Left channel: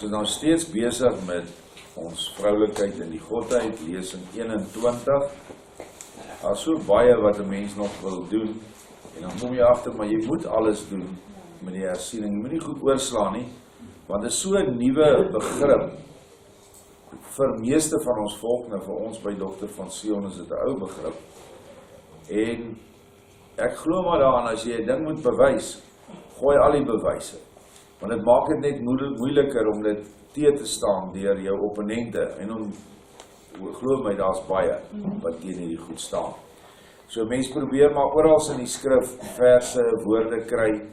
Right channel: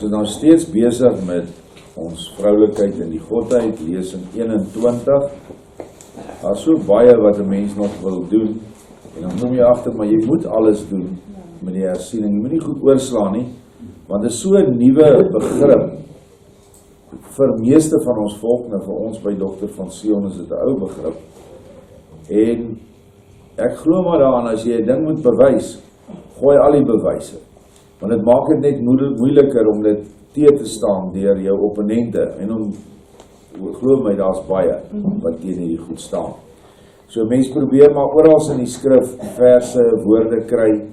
Ons is nou steeds besig met ons vroulikheid in die Godheid, lesing 21. Daar is so baie wat 'n mens nog wil doen, en dan kom jy agter, maar jy moet alles doen met die hersiening. Jy moet nie goed oorslaan nie, want dit is so 'n nuwe begrip vir meeste van ons volk. Nou vir ons by Dr. van Sion is dit 'n ou begrip. En ek glo maar daaraan, as jy 'n ding moet bewys, gooi al die bewyse. Want dit maak dit net moeiliker om dit te staan deur jou opponente. En om, glo my, daar's baie wat teen hierdie goed staan. So mense probeer maar oral in die skrif verse, woorde kry,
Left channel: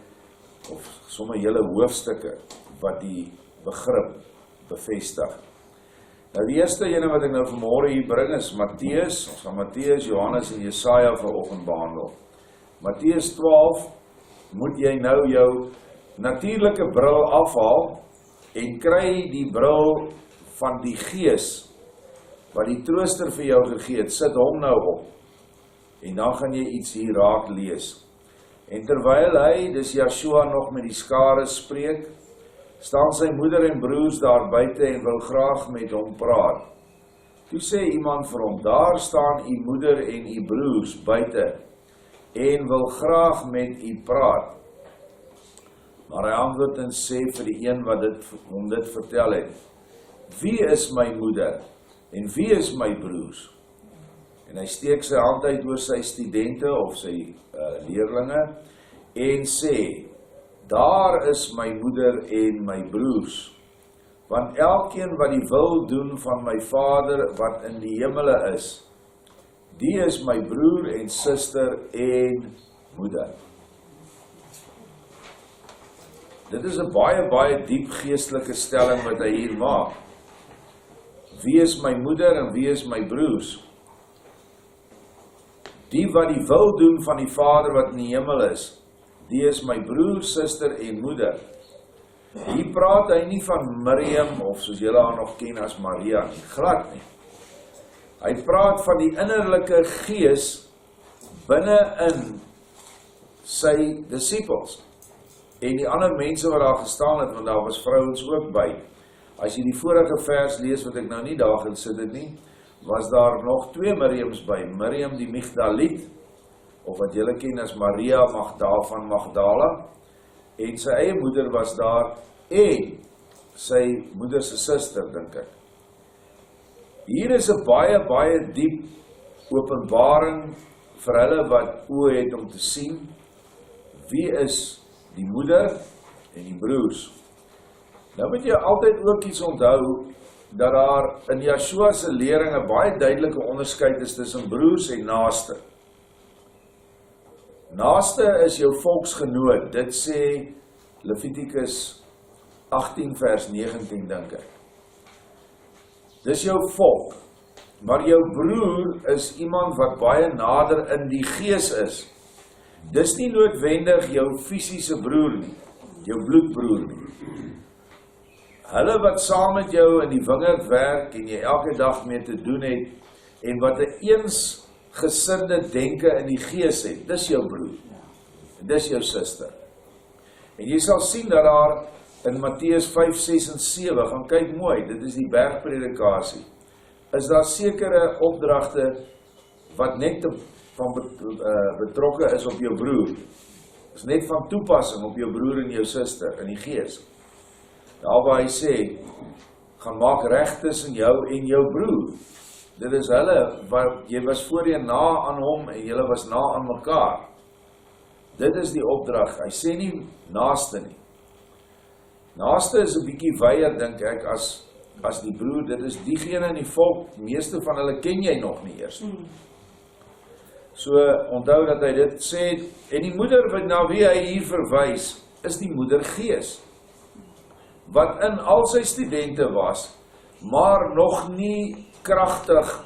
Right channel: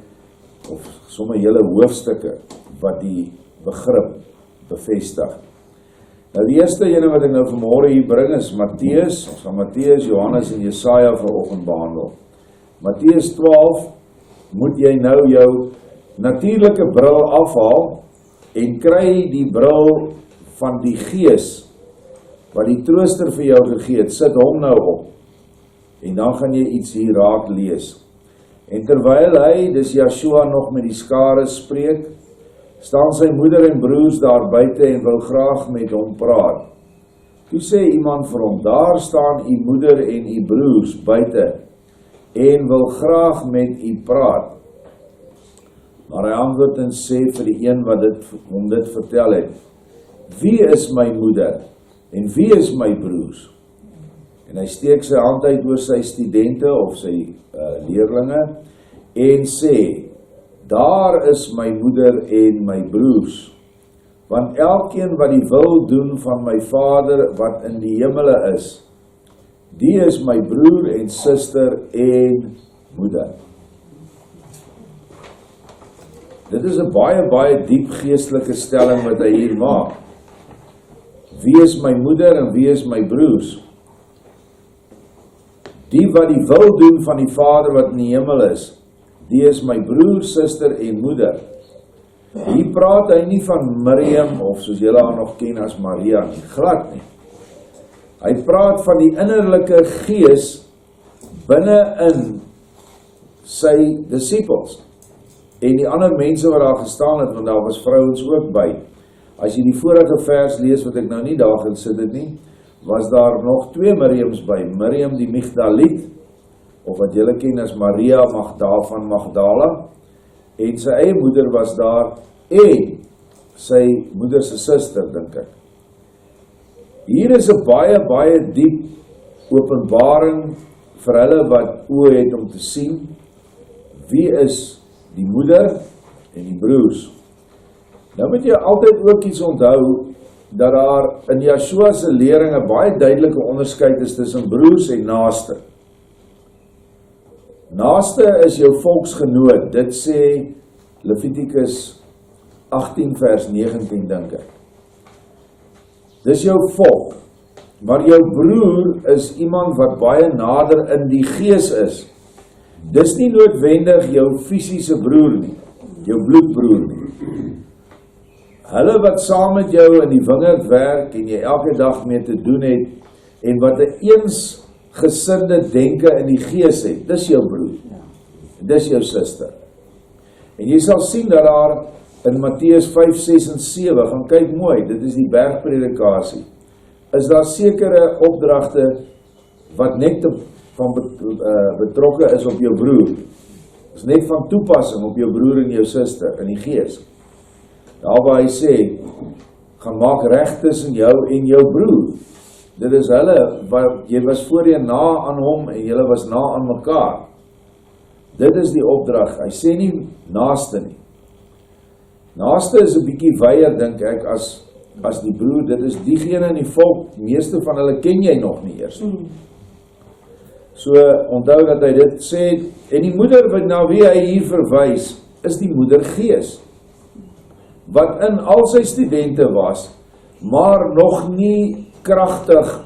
of sommer hele hoofstukke wat die begrip bevestig. Nou die eerste ene wat ek nou vanmôre hier bring is Matteus. Ons gaan Matteus, Johannes en Jesaja vanoggend behandel. Matteus 12, moet jy nou jou natuurlike bril afhaal en kry die bril van die Gees wat die trooster vir jou gegee het. Sit hom nou op en dan gaan jy iets hier raak lees. En terwyl hy, dis Joshua, nog met die skare spreek, staan sy moeder en broers daar buite en wil graag met hom praat. Toe sê iemand vir hom, daar staan u moeder en u broers buite en wil graag met u praat. Maar hy antwoord en sê vir die een wat hom dit vertel het, wie is my moeder en wie is my broers? En hy steek sy hand uit oor sy studente of sy leerlinge en sê, daar is my moeder en my broers. Want elkeen wat die wil doen van my Vader wat in die hemele is, die is my broer en suster en moeder. Dit is 'n baie diep geestelike stelling wat hy hier maak. Wie is my moeder en wie is my broers? Die wat die wil doen van die Vader wat in die hemel is, die is my broer, suster en moeder. Hier praat hy nie van Miriam, of soos julle haar nog ken as Maria nie, glad nie. Hy praat van die innerlike gees binne in sy disippels en die ander mense wat daar gestaan het, want daar was vrouens ook by. As jy die vorige vers lees, wat ek nou nie daar gesit het nie, was daar nog 2 Miriams by. Miriam die Migdaliet, of wat julle ken as Maria van Magdala, en sy eie moeder was daar, en sy moeder se suster, dink ek. Hier is 'n baie diep openbaring vir hulle wat oë het om te sien, wie is die moeder en die broers. Nou moet jy altyd ook iets onthou, dat daar in Joshua se lering 'n baie duidelike onderskeid is tussen broers en naaste. Naaste is jou volksgenoot, dit sê Levitikus 18 vers 19 dink ek. Dis jou volk, maar jou broer is iemand wat baie nader in die gees is. Dis nie noodwendig jou fisiese broer nie, jou bloedbroer nie. Hulle wat saam met jou in die wingerd werk en jy elke dag mee te doen het en wat 'n eensgesinde denke in die gees het, dis jou broer. Dis jou suster. En jy sal sien dat daar in Matteus 5, 6 en 7, gaan kyk mooi, dit is die bergpredikasie, is daar sekere opdragte wat net van betrokke is op jou broer. Is net van toepassing op jou broer en jou suster in die gees. Daar waar hy sê, gaan maak reg tussen jou en jou broer. Dit is hulle, wat jy was voorheen na aan hom en julle was na aan mekaar. Dit is die opdrag. Hy sê nie naaste nie. Naaste is 'n bietjie wyer, dink ek, as die broer. Dit is diegene in die volk, meeste van hulle ken jy nog nie eers. So, onthou dat hy dit sê, en die moeder wat na wie hy hier verwys, is die moeder Gees, wat in al sy studente was, maar nog nie kragtig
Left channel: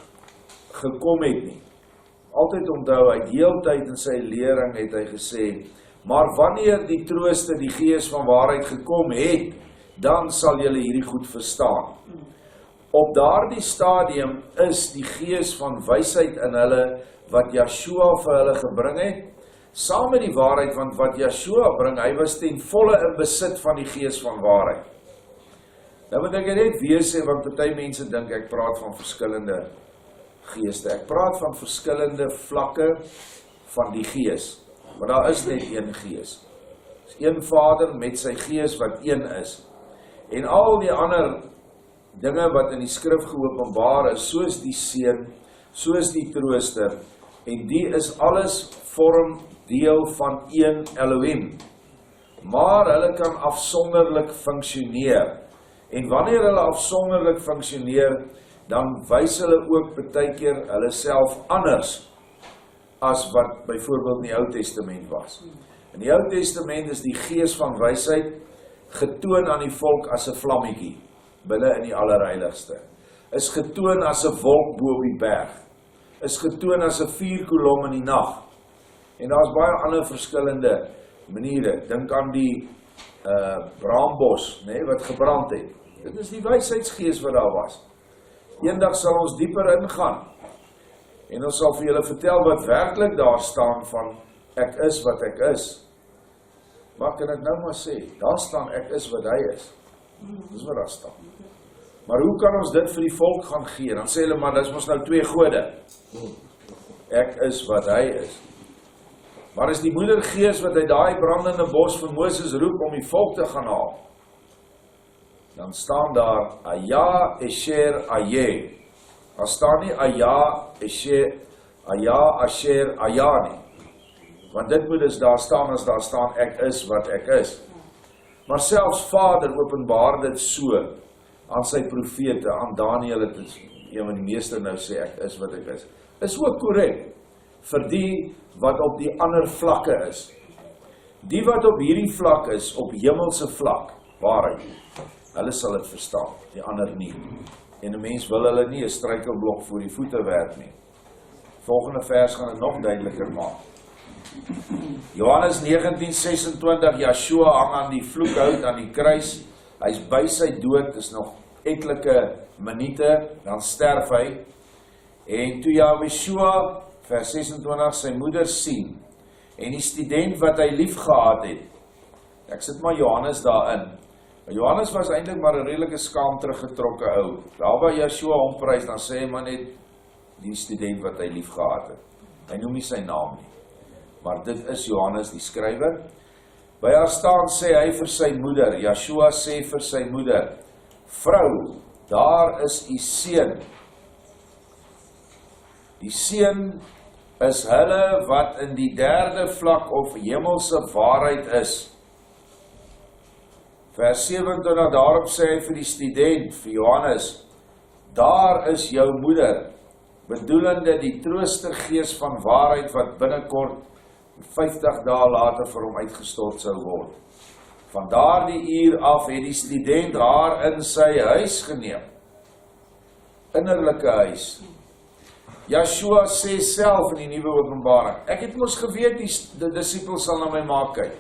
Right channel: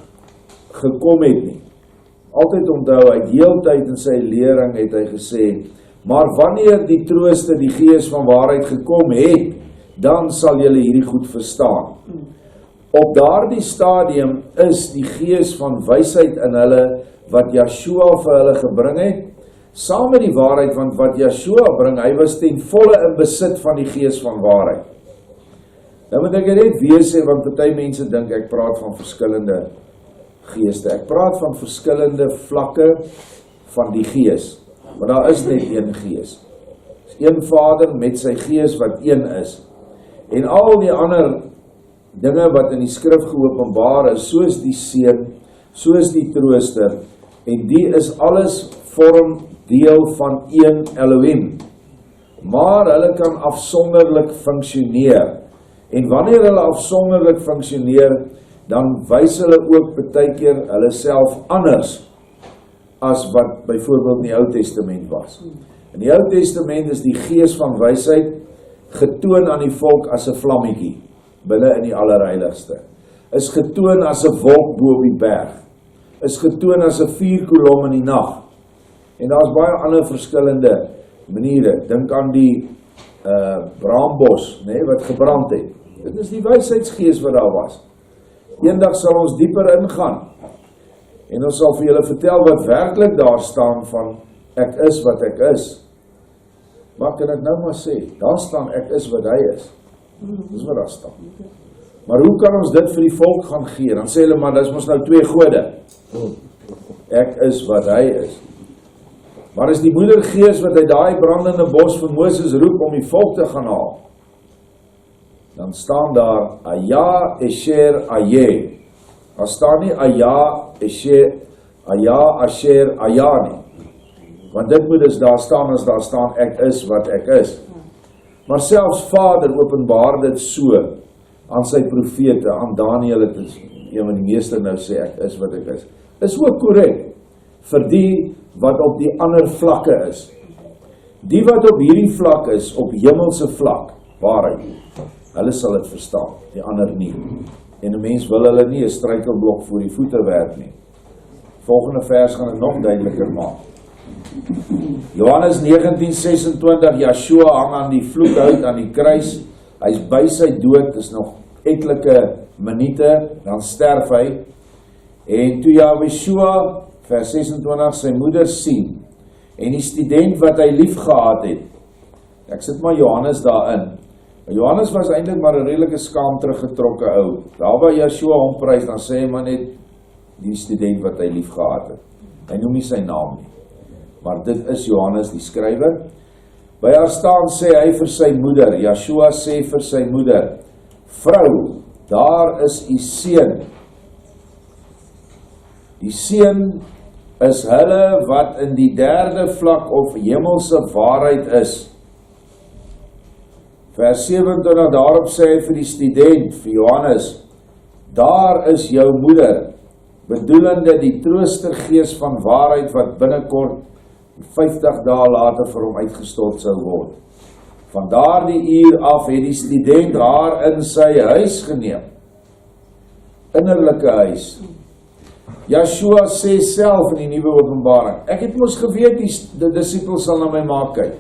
gekom het nie. Altyd onthou, hy heeltyd in sy lering het hy gesê, maar wanneer die trooster, die Gees van waarheid gekom het, dan sal julle hierdie goed verstaan. Op daardie stadium is die Gees van wysheid in hulle, wat Joshua vir hulle gebring het, saam met die waarheid, want wat Joshua bring, hy was ten volle in besit van die Gees van waarheid. Nou moet ek net weer sê, want party mense dink ek praat van verskillende geeste. Ek praat van verskillende vlakke van die gees. Maar daar is net een gees. Dis een Vader met sy gees wat een is. En al die ander dinge wat in die skrif geopenbaar is, soos die Seun, soos die Trooster, en die is alles vorm deel van een Elohim. Maar hulle kan afsonderlik funksioneer. En wanneer hulle afsonderlik funksioneer, dan wys hulle ook baie keer hulle self anders as wat byvoorbeeld in die Ou Testament was. In die Ou Testament is die gees van wysheid getoon aan die volk as 'n vlammetjie binne in die allerheiligste. Is getoon as 'n wolk bo op die berg. Is getoon as 'n vuurkolom in die nag. En daar's baie ander verskillende maniere. Dink aan die braambos, wat gebrand het. Dit is die wysheidsgees wat daar was. Eendag sal ons dieper ingaan. En ons sal vir julle vertel wat werklik daar staan van ek is wat ek is. Maar kan ek nou maar sê, daar staan ek is wat hy is. Dis wat daar staan. Maar hoe kan ons dit vir die volk gaan gee? Dan sê hulle, maar dis mos nou 2 gode. Ek is wat hy is. Maar is die moedergees wat uit daai brandende bos van Moses roep om die volk te gaan haal, dan staan daar Aya, Esher, Aye. Daar staan nie Aya, Esher, Aya, Asher, Aya nie. Want dit moet dus daar staan as daar staan ek is wat ek is. Maar selfs Vader openbaar dit so aan sy profete, aan Daniel, het is een van die meeste nou sê ek is wat ek is ook korrek vir die wat op die ander vlakke is. Die wat op hierdie vlak is, op hemelse vlak, waarheid, hulle sal dit verstaan, die ander nie. En 'n mens wil hulle nie 'n struikelblok voor die voete werp nie. Volgende vers gaan dit nog duideliker maak. Johannes 19:26, Yeshua hang aan die vloekhout aan die kruis. Hy's by sy dood, is nog etlike minute, dan sterf hy. En toe Yeshua, vers 26, sy moeder sien, en die student wat hy lief gehad het, ek sit maar Johannes daarin. Johannes was eintlik maar 'n redelike skaam teruggetrokke ou. Daar waar Yeshua hom prys, dan sê hy maar net die student wat hy lief gehad het. Hy noem nie sy naam nie. Maar dit is Johannes die skrywer. By haar staan sê hy vir sy moeder, Yeshua sê vir sy moeder, vrou, daar is u seun. Die seun is hulle wat in die derde vlak of hemelse waarheid is. Vers 27, daarop sê hy vir die student, vir Johannes, daar is jou moeder, bedoelende die troostergees van waarheid wat binnekort 50 dae later vir hom uitgestort sou word. Van daardie uur af het die student haar in sy huis geneem. Innerlike huis. Yeshua sê self in die nuwe openbaring, ek het mos geweet die disippels sal na my maak kyk.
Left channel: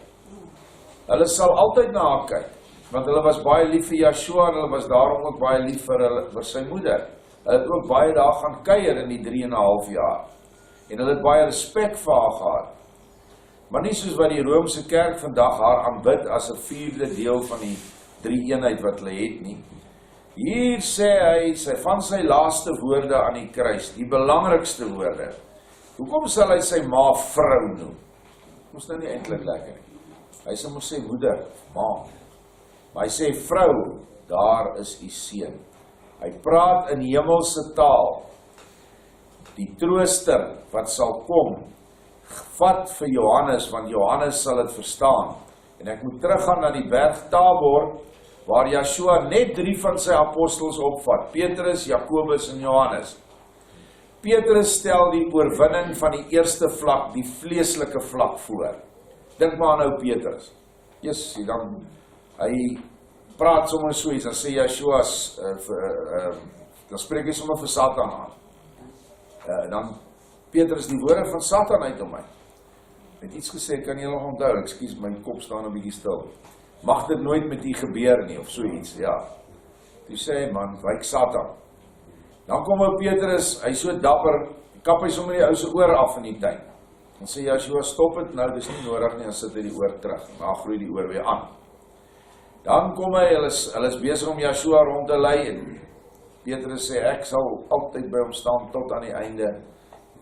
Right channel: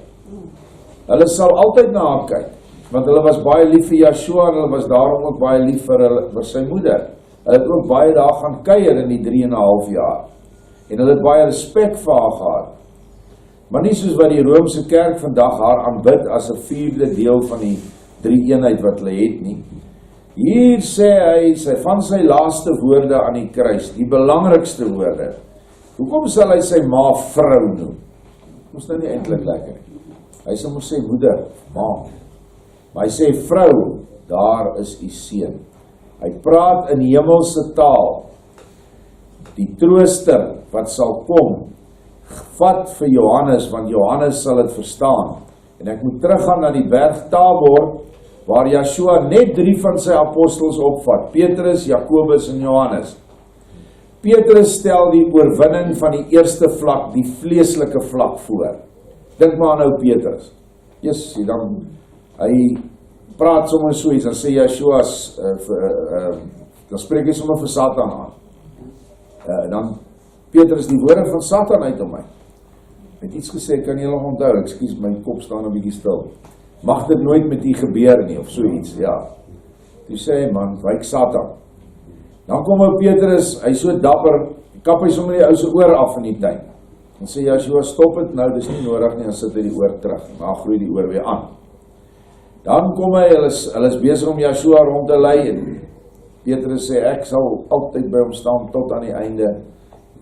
Hulle sal altyd na haar kyk, want hulle was baie lief vir Yeshua en hulle was daarom ook baie lief vir sy moeder. Hulle het ook baie daar gaan kuier in die 3,5 jaar. En hulle het baie respek vir haar gehad. Maar nie soos wat die Romeinse kerk vandag haar aanbid as 'n 4de deel van die 3-eenheid wat hulle het nie. Hier sê hy van sy laaste woorde aan die kruis, die belangrikste woorde. Hoekom sal hy sy ma vrou noem? Ons nou nie eintlik lekker nie. Hy sal mos sê moeder, ma. Maar hy sê vrou, daar is u seun. Hy praat in hemelse taal. Die trooster wat sal kom, vat vir Johannes, want Johannes sal dit verstaan. En ek moet teruggaan na die berg Tabor, waar Yeshua net 3 van sy apostels opvat, Petrus, Jakobus en Johannes. Petrus stel die oorwinning van die eerste vlak, die vleeslike vlak voor. Dink maar aan ou Petrus. Dan hy praat sommer so iets, dan sê Yeshua, dan spreek hy sommer vir Satan aan. Dan Petrus die woorde van Satan uit om my. Het iets gesê, kan jy nog onthou, ekskuus, my kop staan 'n bietjie stil. Mag dit nooit met u gebeur nie, of so iets, ja. Toe sê hy, man, wyk Satan. Dan kom ou Petrus, hy so dapper, kap hy sommer die ou se oor af in die tuin. Dan sê Yeshua, stop het nou, dis nie nodig nie, dan sit hy die oor terug, maar groei die oor weer aan. Dan kom hy, hulle is besig om Joshua rond te lei, en Petrus sê, ek sal altyd by hom staan tot aan die einde.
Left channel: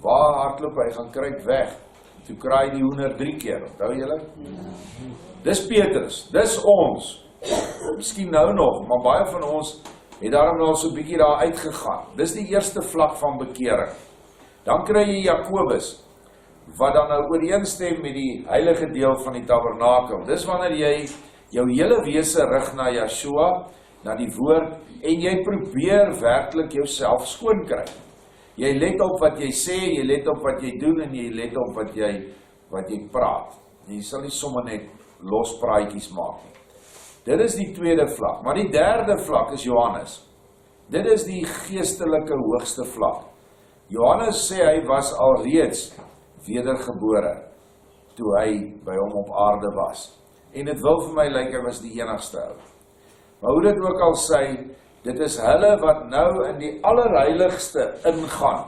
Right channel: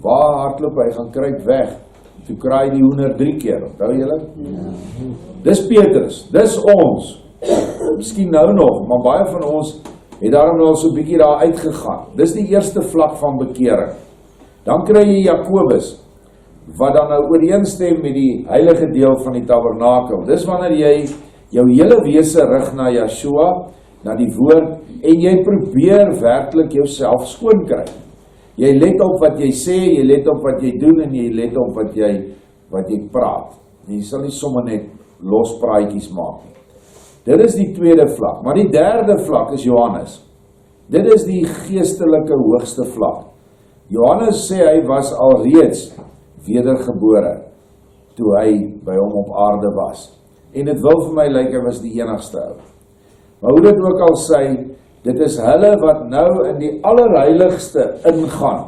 Waar hardloop hy, gaan kruip weg. Toe kraai die hoender 3 keer, onthou julle? Dis Petrus, dis ons. Miskien nou nog, maar baie van ons het daarom nou so 'n bietjie daar uitgegaan. Dis die eerste vlak van bekering. Dan kry jy Jakobus, wat dan nou ooreenstem met die heilige deel van die tabernakel. Dis wanneer jy jou hele wese rig na Yeshua, na die woord, en jy probeer werklik jouself skoon kry. Jy let op wat jy sê, jy let op wat jy doen, en jy let op wat jy praat. Jy sal nie sommer net los praatjies maak nie. Dit is die tweede vlak, maar die derde vlak is Johannes. Dit is die geestelike hoogste vlak. Johannes sê hy was alreeds wedergebore, toe hy by hom op aarde was. En dit wil vir my lyk hy was die enigste ou. Maar hoe dit ook al sê, dit is hulle wat nou in die allerheiligste ingaan.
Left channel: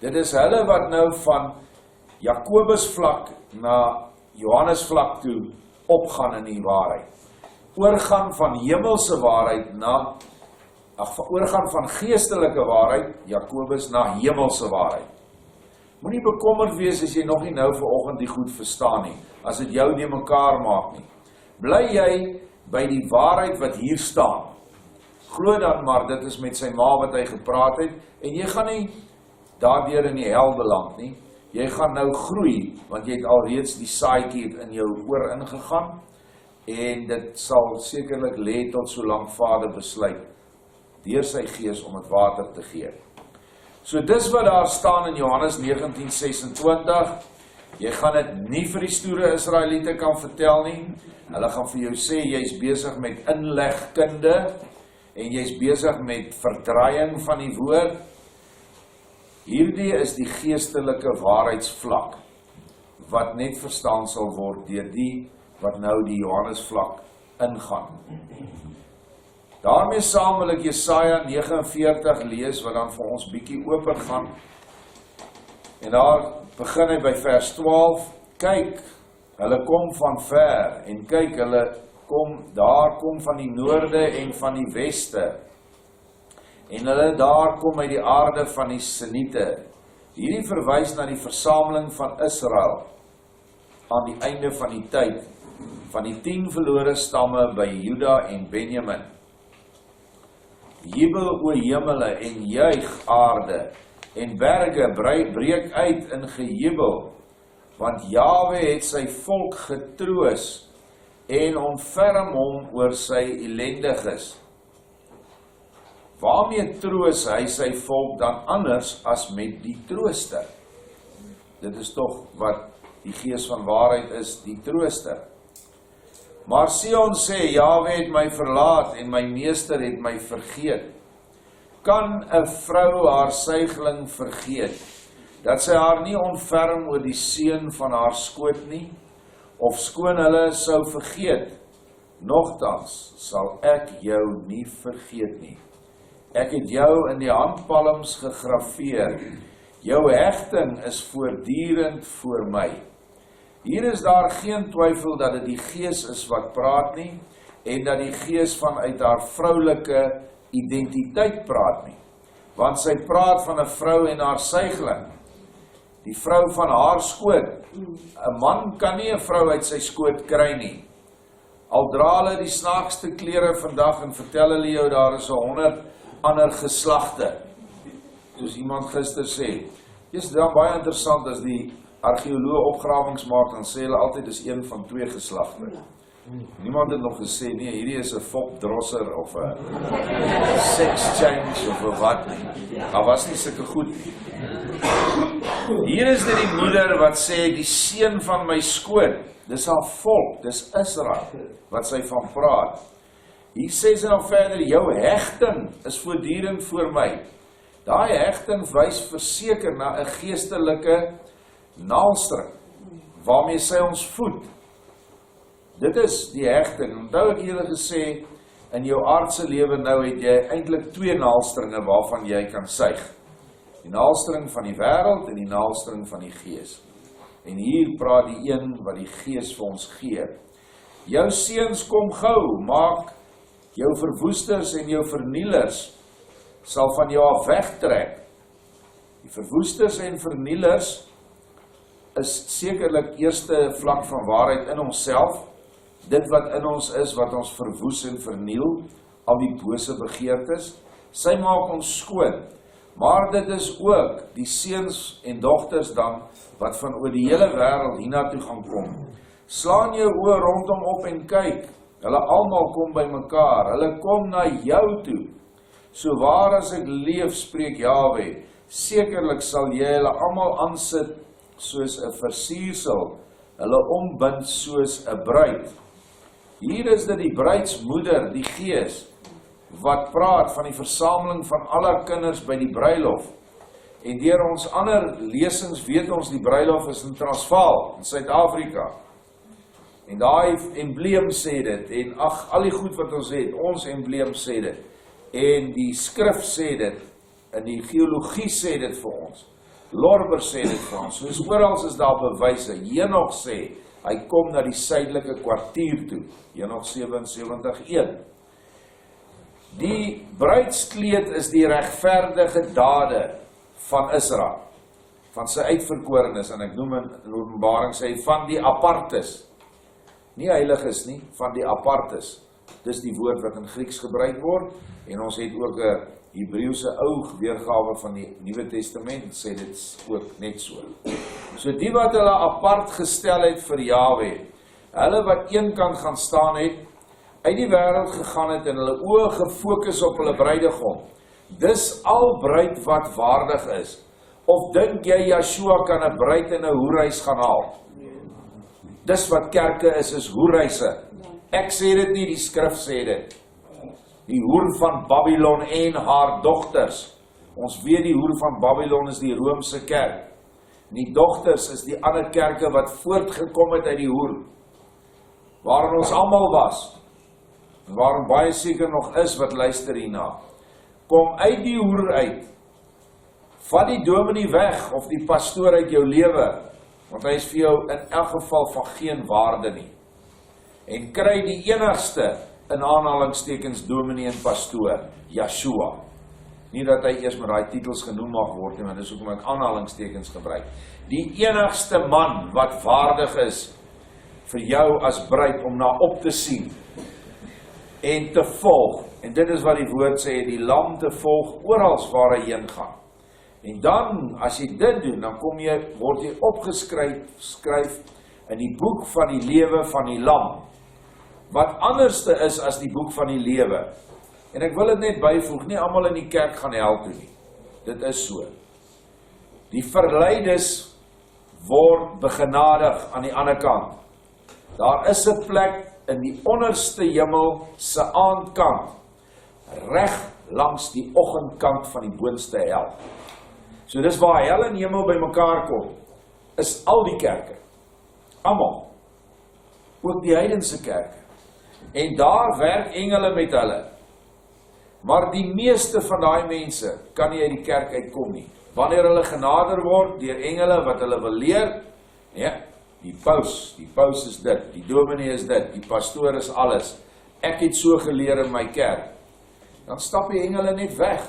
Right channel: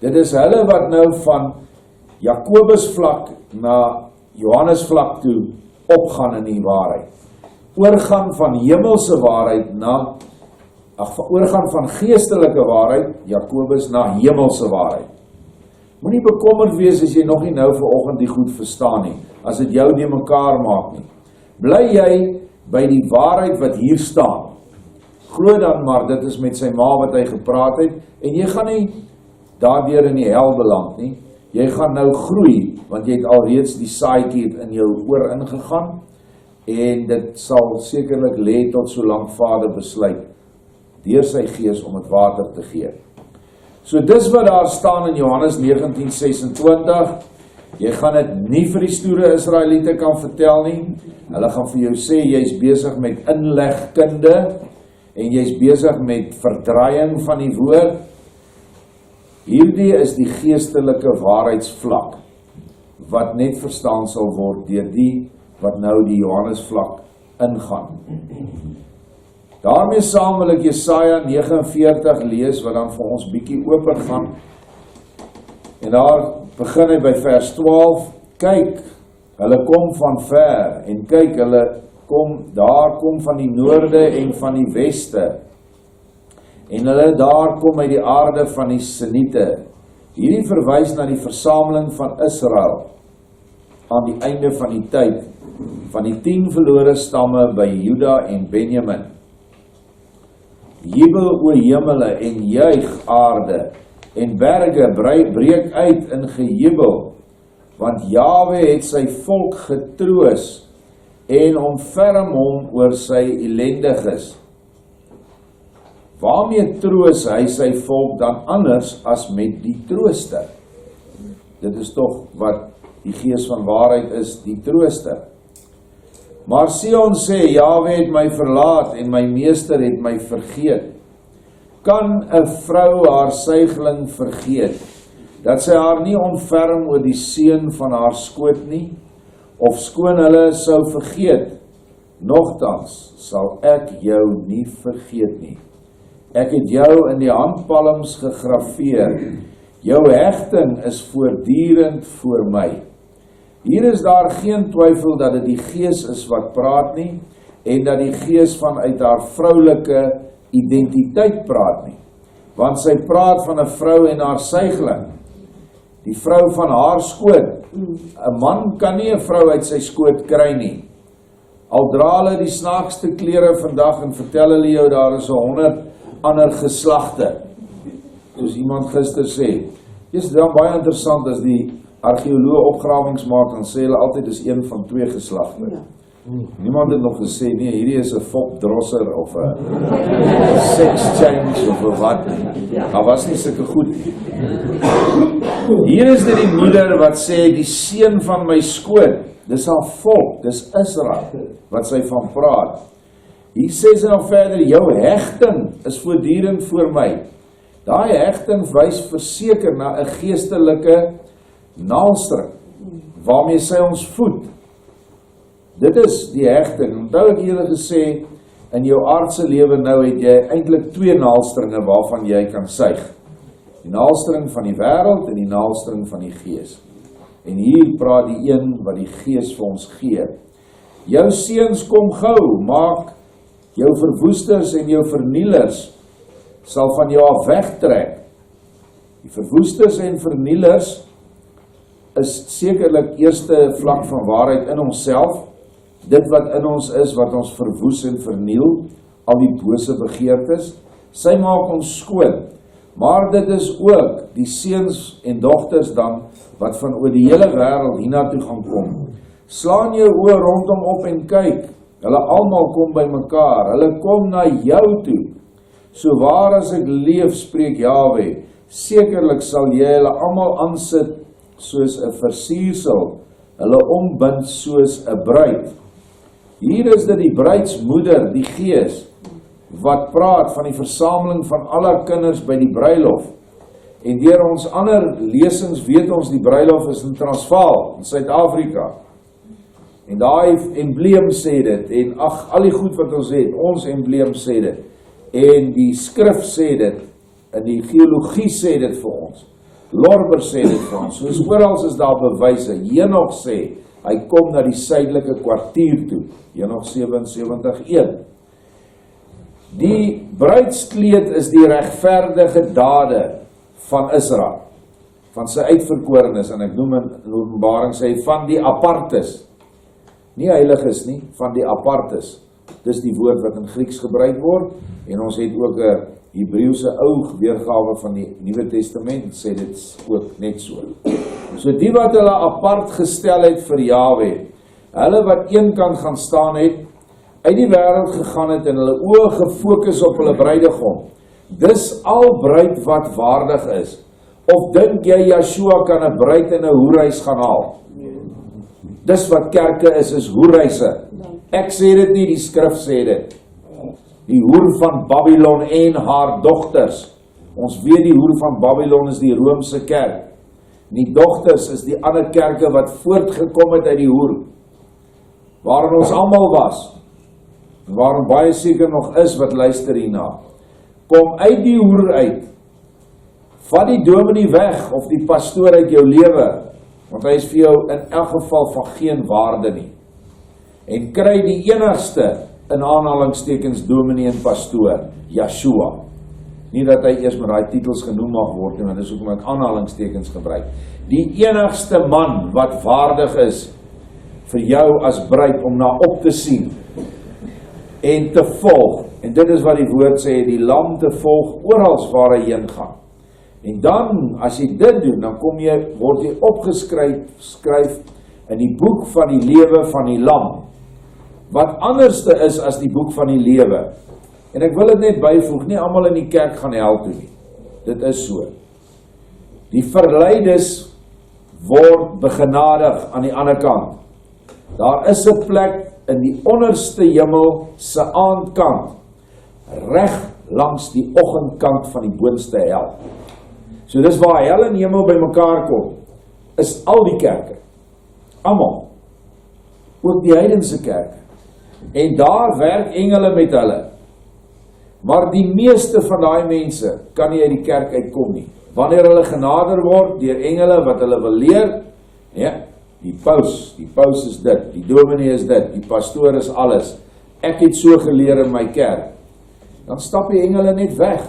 Dit is hulle wat nou van Jakobus vlak na Johannes vlak toe opgaan in die waarheid. Oorgaan van hemelse waarheid oorgaan van geestelike waarheid, Jakobus, na hemelse waarheid. Moenie bekommerd wees as jy nog nie nou vanoggend die goed verstaan nie, as dit jou nie mekaar maak nie. Bly jy by die waarheid wat hier staan. Glo dan maar, dit is met sy ma wat hy gepraat het, en jy gaan nie daardeur in die hel beland nie. Jy gaan nou groei, want jy het alreeds die saadjie in jou oor ingegaan, en dit sal sekerlik lê tot solank Vader besluit, deur sy gees om het water te gee. So dis wat daar staan in Johannes 19:26, jy gaan dit nie vir die stoere Israeliete kan vertel nie, hulle gaan vir jou sê, jy is besig met inlegkunde, en jy is besig met verdraaiing van die woord. Hierdie is die geestelike waarheidsvlak, wat net verstaan sal word deur die wat nou die Johannesvlak ingaan. Daarmee saam wil ek Jesaja 49 lees, wat dan vir ons bietjie open gaan. En daar begin hy by vers 12, kyk, hulle kom van ver, en kyk, daar kom van die noorde en van die weste, en hulle daar kom uit die aarde van die Siniete. Hierdie verwys na die versameling van Israel, aan die einde van die tyd, van die 10 verlore stamme by Juda en Benjamin. Jubel o hemele en juig aarde, en berge breek uit in gejubel, want Jahwe het sy volk getroos, en ontferm hom oor sy ellendiges. Waarmee troos hy sy volk dan anders as met die trooster? Dit is tog wat die gees van waarheid is, die trooster. Maar Sion sê, Jahwe het my verlaat en my meester het my vergeet. Kan 'n vrou haar suigeling vergeet, dat sy haar nie ontferm oor die seun van haar skoot nie, of skoon hulle sou vergeet, nogtans sal ek jou nie vergeet nie. Ek het jou in die handpalms gegraveer, jou hegting is voortdurend voor my. Hier is daar geen twyfel dat dit die gees is wat praat nie, en dat die gees vanuit haar vroulike identiteit praat nie. Want sy praat van 'n vrou en haar suigeling, die vrou van haar skoot. 'n Man kan nie 'n vrou uit sy skoot kry nie. Al dra hulle die snaakste klere vandag en vertel hulle jou daar is 100 ander geslagte. Soos iemand gister sê. Dis dan baie interessant as die argeoloog opgrawings maak, dan sê hulle altyd is een van 2 geslagte. Ja. Niemand het nog gesê, nee, hierdie is 'n fopdrosser of 'n sex change of 'n wat nie. Daar was nie sulke goed nie. Hier is dit die moeder wat sê, die seun van my skoot, dis haar volk, dis Israel, wat sy van praat. Hier sê sy nog verder, jou hegting is voortdurend voor my. Daai hegting wys verseker na 'n geestelike naalstring, waarmee sy ons voed. Dit is die hegting. Onthou ek julle gesê, in jou aardse lewe nou het jy eintlik 2 naalstringe waarvan jy kan suig. Die naalstring van die wêreld en die naalstring van die gees. En hier praat die een wat die gees vir ons gee. Jou seuns kom gou, maak jou verwoesters en jou vernielers sal van jou af wegtrek. Die verwoesters en vernielers is sekerlik eerste vlak van waarheid in onsself. Dit wat in ons is, wat ons verwoes en verniel, al die bose begeertes, sy maak ons skoon. Maar dit is ook die seuns en dogters dan, wat van oor die hele wêreld hiernatoe gaan kom. Slaan jou oë rondom op en kyk, hulle almal kom by mekaar, hulle kom na jou toe. So waar as ek leef, spreek Jahwe, sekerlik sal jy hulle almal aansit soos 'n versiersel, hulle ombind soos 'n bruid. Hier is dit die bruidsmoeder, die Gees, wat praat van die versameling van alle kinders by die bruilof. En deur ons ander lesings weet ons die bruilof is in Transvaal, in Suid-Afrika. En daai embleem sê dit, en al die goed wat ons het, ons embleem sê dit, en die skrif sê dit, en die geologie sê dit vir ons, Lorber sê dit vir ons, soos oral is daar bewyse. Henoch sê, hy kom na die suidelike kwartier toe, Henoch 77:1. Die bruidskleed is die regverdige dade van Israel, van sy uitverkorenes, en ek noem in Openbaring sê, van die apartes, nie heiliges nie, van die apartes. Dis die woord wat in Grieks gebruik word, en ons het ook 'n Hebreëse ou weergawe van die Nuwe Testament, sê dit ook net so. So die wat hulle apart gestel het vir Jahwe, hulle wat eenkant gaan staan het, uit die wêreld gegaan het en hulle oë gefokus op hulle bruidegom. Dis al bruid wat waardig is. Of dink jy Yeshua kan 'n bruid in 'n hoerhuis gaan haal? Dis wat kerke is hoerhuise. Ek sê dit nie, die skrif sê dit. Die hoer van Babylon en haar dogters. Ons weet die hoer van Babylon is die Romeinse kerk. Die dogters is die ander kerke wat voortgekom het uit die hoer, waarin ons almal was, en waarin baie seker nog is wat luister hierna. Kom uit die hoer uit, vat die dominee weg, of die pastoor uit jou lewe, want hy is vir jou in elk geval van geen waarde nie. En kry die enigste, in aanhalingstekens, dominee en pastoor, Yeshua. Nie dat hy eers met daai titels genoem mag word, want dis hoekom ek aanhalingstekens gebruik. Die enigste man wat waardig is vir jou as bruid om na op te sien en te volg. En dit is wat die woord sê, die lam te volg orals waar hy heen gaan. En dan, as jy dit doen, dan word jy opgeskryf in die boek van die lewe van die lam. Wat anderste is as die boek van die lewe. En ek wil dit net byvoeg, nie almal in die kerk gaan hel toe nie. Dit is so. Die verleides word begenadig aan die ander kant. Daar is 'n plek in die onderste hemel se aandkant, reg langs die oggendkant van die boonste hel. So dis waar hel en hemel by mekaar kom, is al die kerke. Almal. Ook die heidense kerke. En daar werk engele met hulle. Maar die meeste van daai mense kan nie uit die kerk uitkom nie. Wanneer hulle genader word deur engele wat hulle wil leer, ja, die paus is dit, die dominee is dit, die pastoor is alles. Ek het so geleer in my kerk. Dan stap die engele net weg.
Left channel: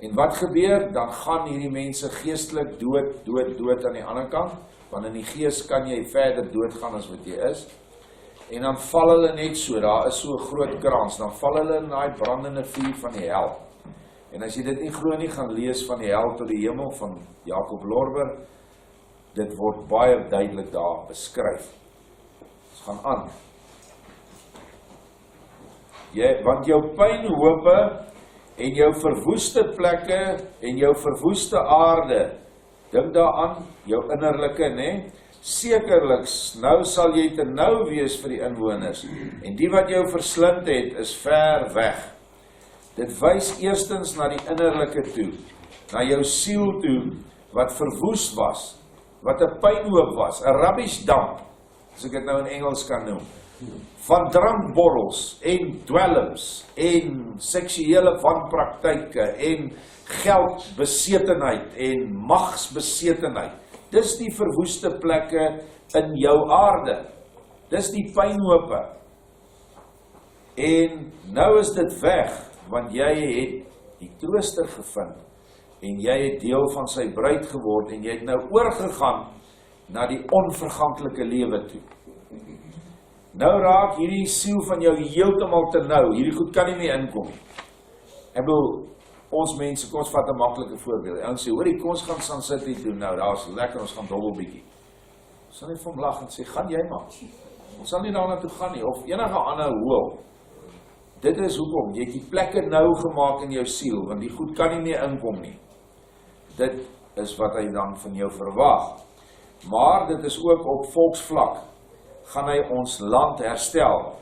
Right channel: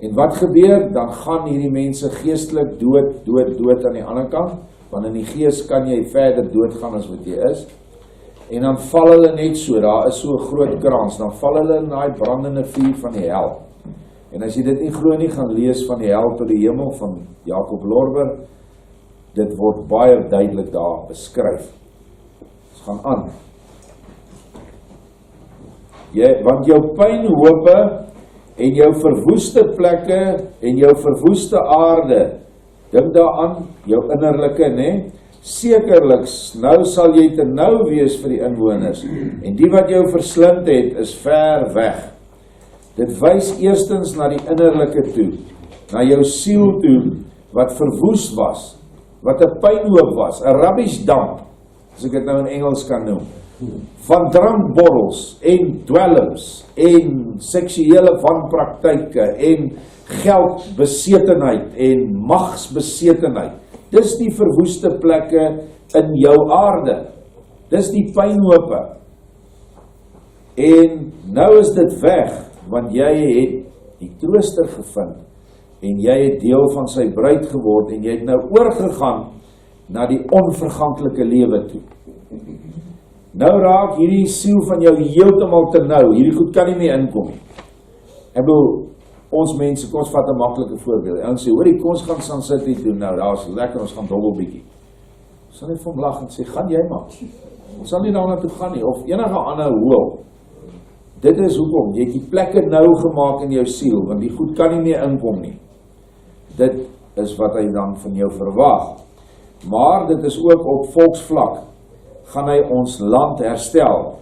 En wat gebeur? Dan gaan hierdie mense geestelik dood aan die ander kant, want in die gees kan jy verder doodgaan as wat jy is. En dan val hulle net so, daar is so 'n groot krans, dan val hulle in daai brandende vuur van die hel. En as jy dit nie glo nie, gaan lees van die hel tot die hemel van Jacob Lorber. Dit word baie duidelik daar beskryf. Ons gaan aan. Want jou pynhope en jou verwoeste plekke en jou verwoeste aarde, dink daaraan, jou innerlike, né? Sekerlik, nou sal jy te nou wees vir die inwoners, en die wat jou verslind het, is ver weg. Dit wys eerstens na die innerlike toe, na jou siel toe, wat verwoes was, wat 'n pynhoop was, 'n rubbish dump, as ek dit nou in Engels kan noem, van drankborrels en dwelms en seksuele wanpraktyke en geldbesetenheid en magsbesetenheid. Dis die verwoeste plekke in jou aarde. Dis die pynhope. En nou is dit weg, want jy het die trooster gevind, en jy het deel van sy bruid geword, en jy het nou oorgegaan na die onverganklike lewe toe. Nou raak hierdie siel van jou heeltemal te nou, hierdie goed kan nie meer inkom nie. Ek bedoel, ons mense, kom ons vat 'n maklike voorbeeld. Ons sê, hoorie, kom ons gaan Sun City doen, nou, daar is lekker, ons gaan dobbel bietjie. Ons sal net vir hom lag en sê, gaan jy maar. Ons sal nie daarna toe gaan nie, of enige ander hoel. Dit is hoekom, jy het die plekke nou gemaak in jou siel, want die goed kan nie meer inkom nie. Dit is wat hy dan van jou verwag. Maar dit is ook op volksvlak, gaan hy ons land herstel.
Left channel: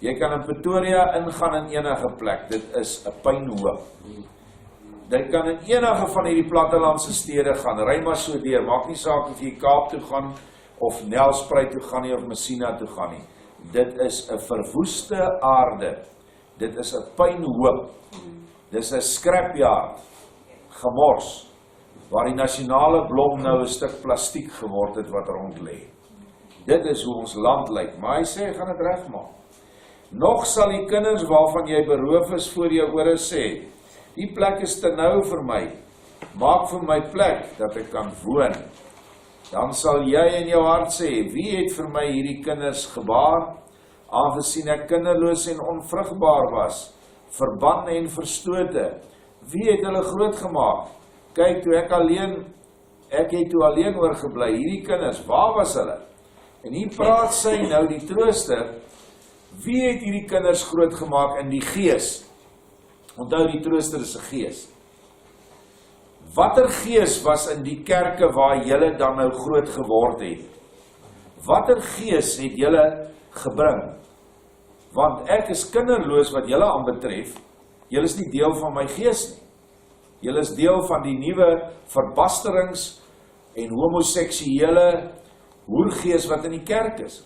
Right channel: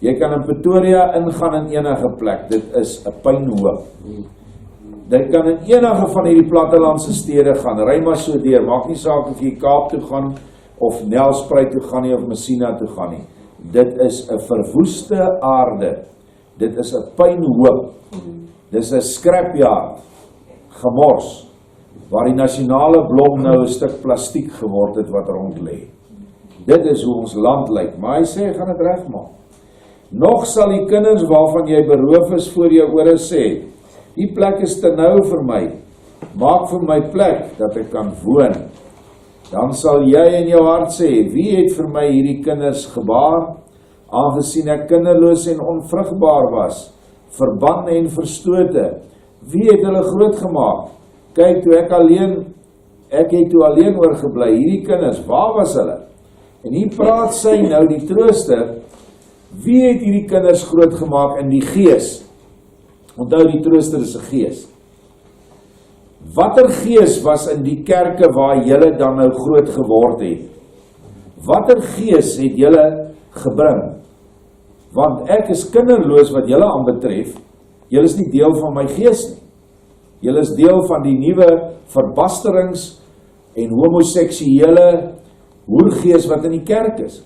Jy kan in Pretoria ingaan in enige plek, dit is 'n pynhoop. Dit kan in enige van hierdie plattelandse stede gaan, ry maar so deur, maak nie saak of jy Kaap toe gaan, of Nelspruit toe gaan nie, of Messina toe gaan nie. Dit is 'n verwoeste aarde, dit is 'n pynhoop, dit is 'n scrapyard, gemors, waar die nasionale blom nou 'n stuk plastiek geword het wat rond lê. Dit is hoe ons land lyk, maar hy sê, hy gaan dit regmaak. Nog sal die kinders waarvan jy beroof is voor jou ore sê, die plek is te nou vir my, maak vir my plek dat ek kan woon. Dan sal jy in jou hart sê, wie het vir my hierdie kinders gebaar, aangesien ek kinderloos en onvrugbaar was, verban en verstote, wie het hulle groot gemaak? Kyk, toe ek het toe alleen oorgebly, hierdie kinders, waar was hulle? En hier praat sy nou die trooster, wie het hierdie kinders groot gemaak in die gees? Onthou, die trooster is 'n gees. Watter gees was in die kerke waar julle dan nou groot geword het? Watter gees het julle gebring? Want ek is kinderloos wat julle aanbetref, julle is nie deel van my gees nie. Julle is deel van die nuwe verbasterings en homoseksuele hoergees wat in die kerk is.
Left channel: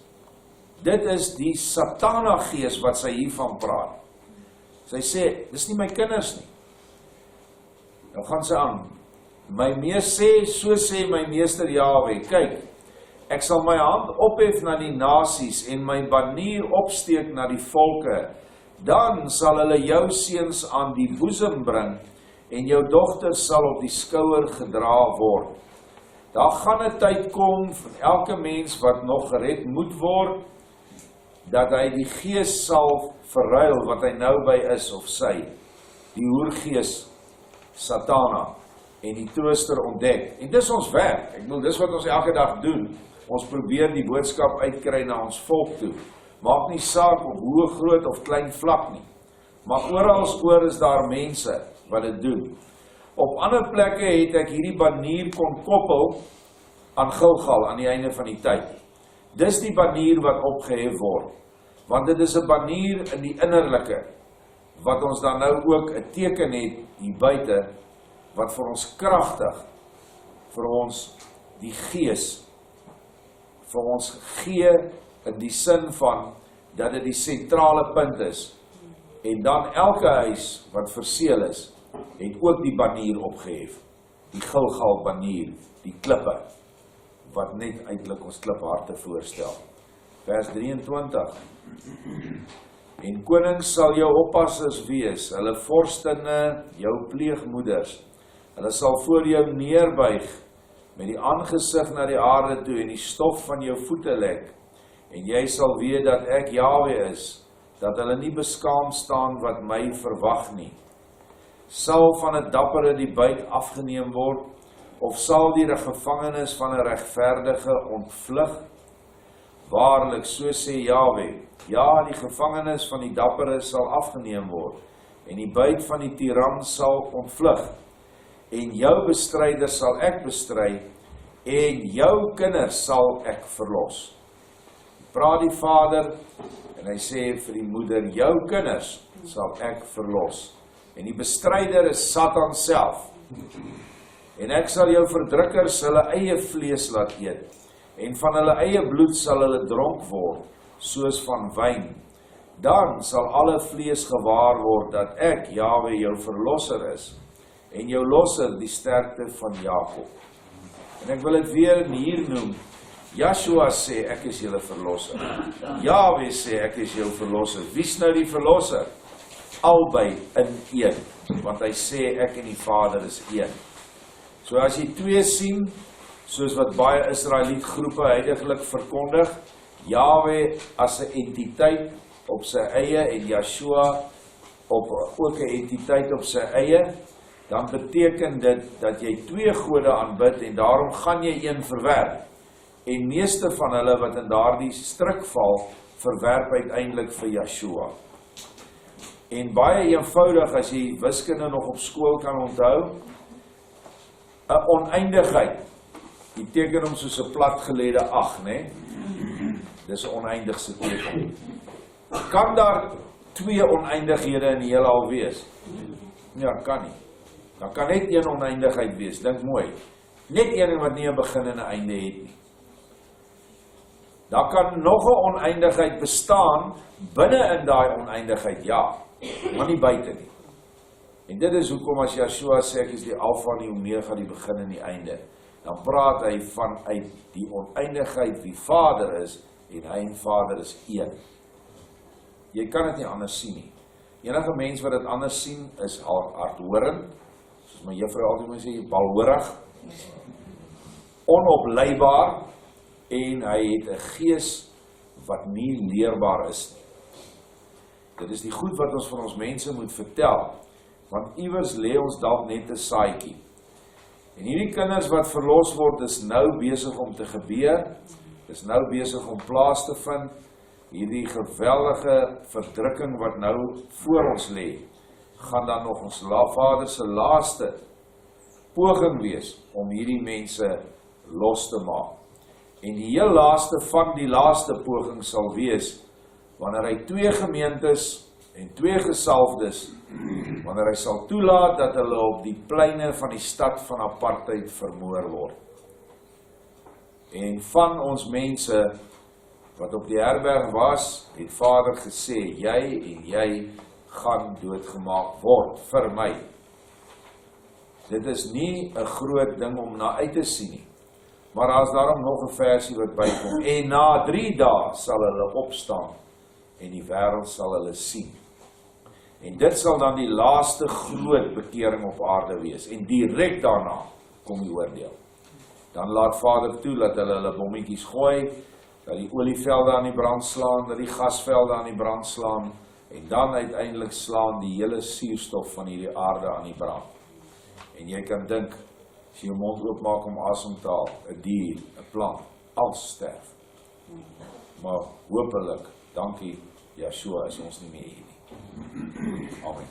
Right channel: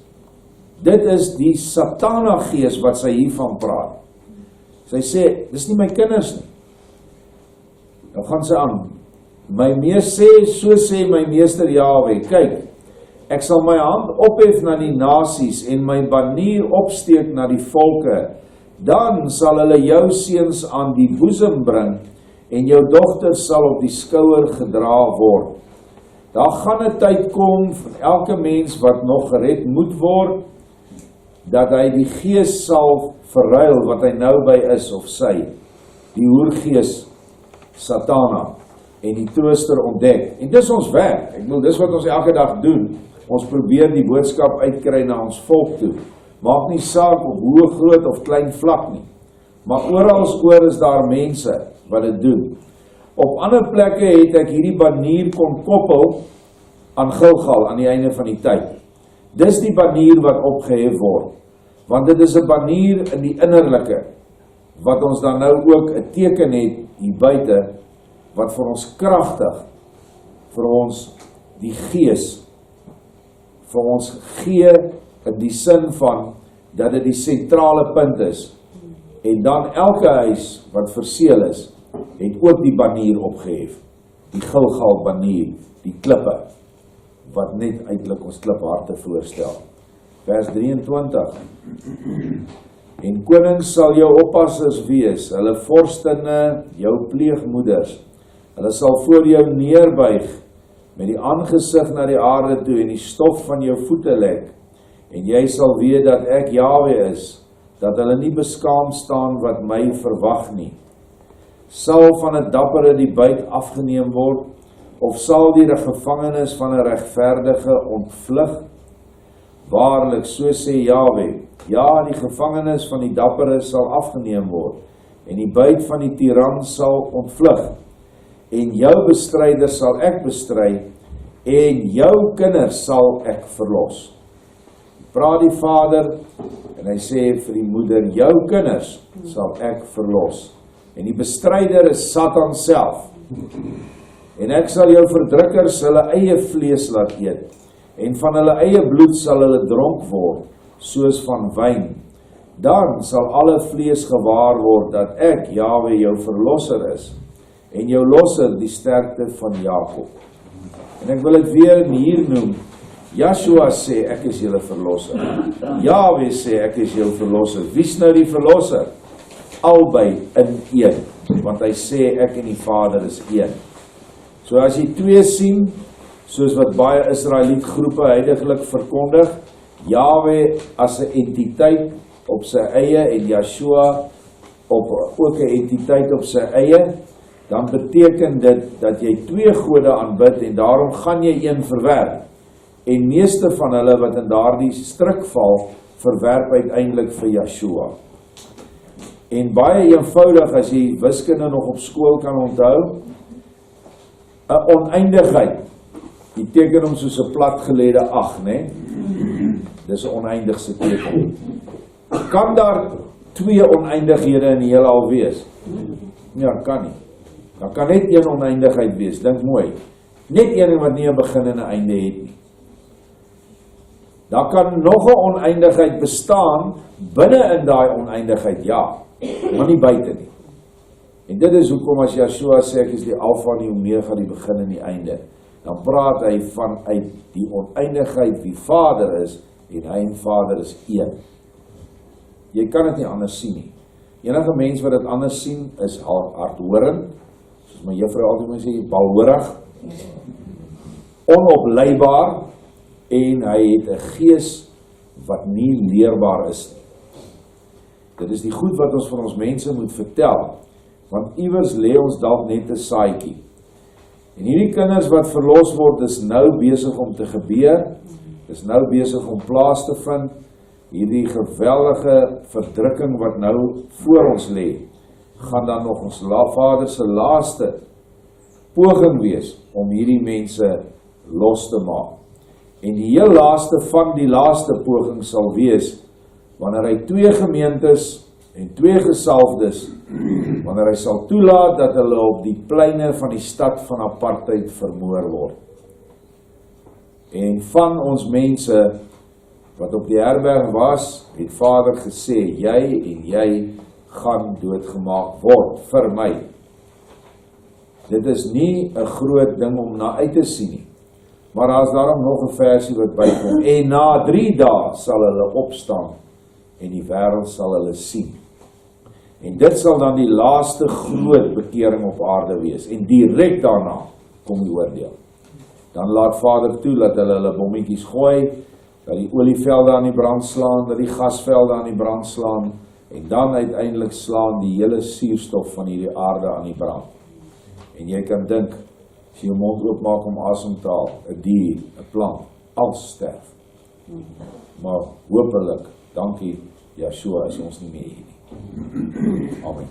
Dit is die satana gees wat sy hiervan praat. Sy sê, dis nie my kinders nie. Nou gaan sy aan, so sê my meester Jahwe, kyk, ek sal my hand ophef na die nasies en my banier opsteek na die volke, dan sal hulle jou seuns aan die boesem bring en jou dogters sal op die skouer gedra word. Daar gaan 'n tyd kom van elke mens wat nog gered moet word, dat hy die gees sal verruil wat hy nou by is of sy, die hoergees Satana, en die trooster ontdek. En dis ons werk, ek bedoel, dis wat ons elke dag doen. Ons probeer die boodskap uitkry na ons volk toe. Maak nie saak op hoe groot of klein vlak nie. Maar oor is daar mense wat dit doen. Op ander plekke het ek hierdie banier kon koppel aan Gilgal aan die einde van die tyd. Dis die banier wat opgehef word. Want dit is 'n banier in die innerlike, wat ons dan nou ook 'n teken het hier buite, wat vir ons kragtig, vir ons die gees, vir ons gee in die sin van, dat dit die sentrale punt is. En dan elke huis wat verseël is, het ook die banier opgehef. Die Gilgal banier, die klippe, wat net eintlik ons klipharte voorstel. Vers 23. En konings sal jou oppassers wees, hulle vorstinne jou pleegmoeders. Hulle sal voor jou neerbuig, met die aangesig na die aarde toe, en die stof van jou voete lek. En jy sal weet dat ek Jahwe is, dat hulle nie beskaam staan wat my verwag nie. Sal van 'n dappere die byt afgeneem word, of sal die gevangenes van 'n regverdige ontvlug? Waarlik, so sê Jahwe, ja, die gevangenes van die dappere sal afgeneem word, en die byt van die tiran sal ontvlug, en jou bestryders sal ek bestry, en jou kinders sal ek verlos. Praat die vader, en hy sê vir die moeder, jou kinders sal ek verlos. En die bestryder is Satan self. En ek sal jou verdrukkers hulle eie vlees laat eet, en van hulle eie bloed sal hulle dronk word, soos van wyn. Dan sal alle vlees gewaar word, dat ek, Jahwe, jou verlosser is, en jou losser die sterkte van Jakob. En ek wil dit weer hier noem, Yahshua sê, ek is julle verlosser. Yahweh sê, ek is jou verlosser. Wie's nou die verlosser? Albei in een, want hy sê, ek en die Vader is een. So as jy twee sien, soos wat baie Israeliet groepe huidiglik verkondig, Yahweh as 'n entiteit op sy eie en Yahshua ook 'n entiteit op sy eie, dan beteken dit dat jy twee gode aanbid en daarom gaan jy een verwerp. En meeste van hulle wat in daardie stryk val, verwerp uiteindelik vir Yahshua. En baie eenvoudig, as jy wiskunde nog op skool kan onthou, 'n oneindigheid, die teken hom soos 'n platgelede 8, né? Dis 'n oneindigse teken. Kan daar twee oneindighede in die heelal wees? Ja, kan nie. Daar kan net een oneindigheid wees, dink mooi. Net een wat nie 'n begin en 'n einde het nie. Daar kan nog 'n oneindigheid bestaan binne in daai oneindigheid, ja, maar nie buite nie. En dit is hoekom as Yahshua sê ek is die Alfa en die Omega, die begin en die einde, dan praat hy vanuit die oneindigheid wie Vader is en hy en Vader is een. Jy kan dit nie anders sien nie. Enige mens wat dit anders sien is hardhorend, soos my juffrou altyd moet sê, balhorig, onopleibaar, en hy het 'n gees wat nie leerbaar is nie. Dit is die goed wat ons van ons mense moet vertel, want iewers lê ons dalk net 'n saadjie. En hierdie kinders wat verlos word, is nou besig om te gebeur, is nou besig om plaas te vind, hierdie geweldige verdrukking wat nou voor ons lê, gaan dan nog ons Vader se laaste poging wees om hierdie mense los te maak. En die heel laaste van die laaste poging sal wees, wanneer hy twee gemeentes en twee gesalfdes, wanneer hy sal toelaat dat hulle op die pleine van die stad van apartheid vermoor word. En van ons mense wat op die herberg was, het Vader gesê, jy en jy gaan doodgemaak word vir my. Dit is nie 'n groot ding om na uit te sien nie. Maar daar is daarom nog 'n versie wat bykom. En na 3 dae sal hulle opstaan en die wêreld sal hulle sien. En dit sal dan die laaste groot bekering op aarde wees. En direk daarna kom die oordeel. Dan laat Vader toe dat hulle bommetjies gooi, dat die olievelde aan die brand slaan, dat die gasvelde aan die brand slaan, en dan uiteindelik slaan die hele suurstof van hierdie aarde aan die brand. En jy kan dink, as jy jou mond oopmaak om asem te haal, 'n dier, 'n plant, alles sterf. Maar hopelik, dankie Yahshua, is ons nie meer hier nie. Amen.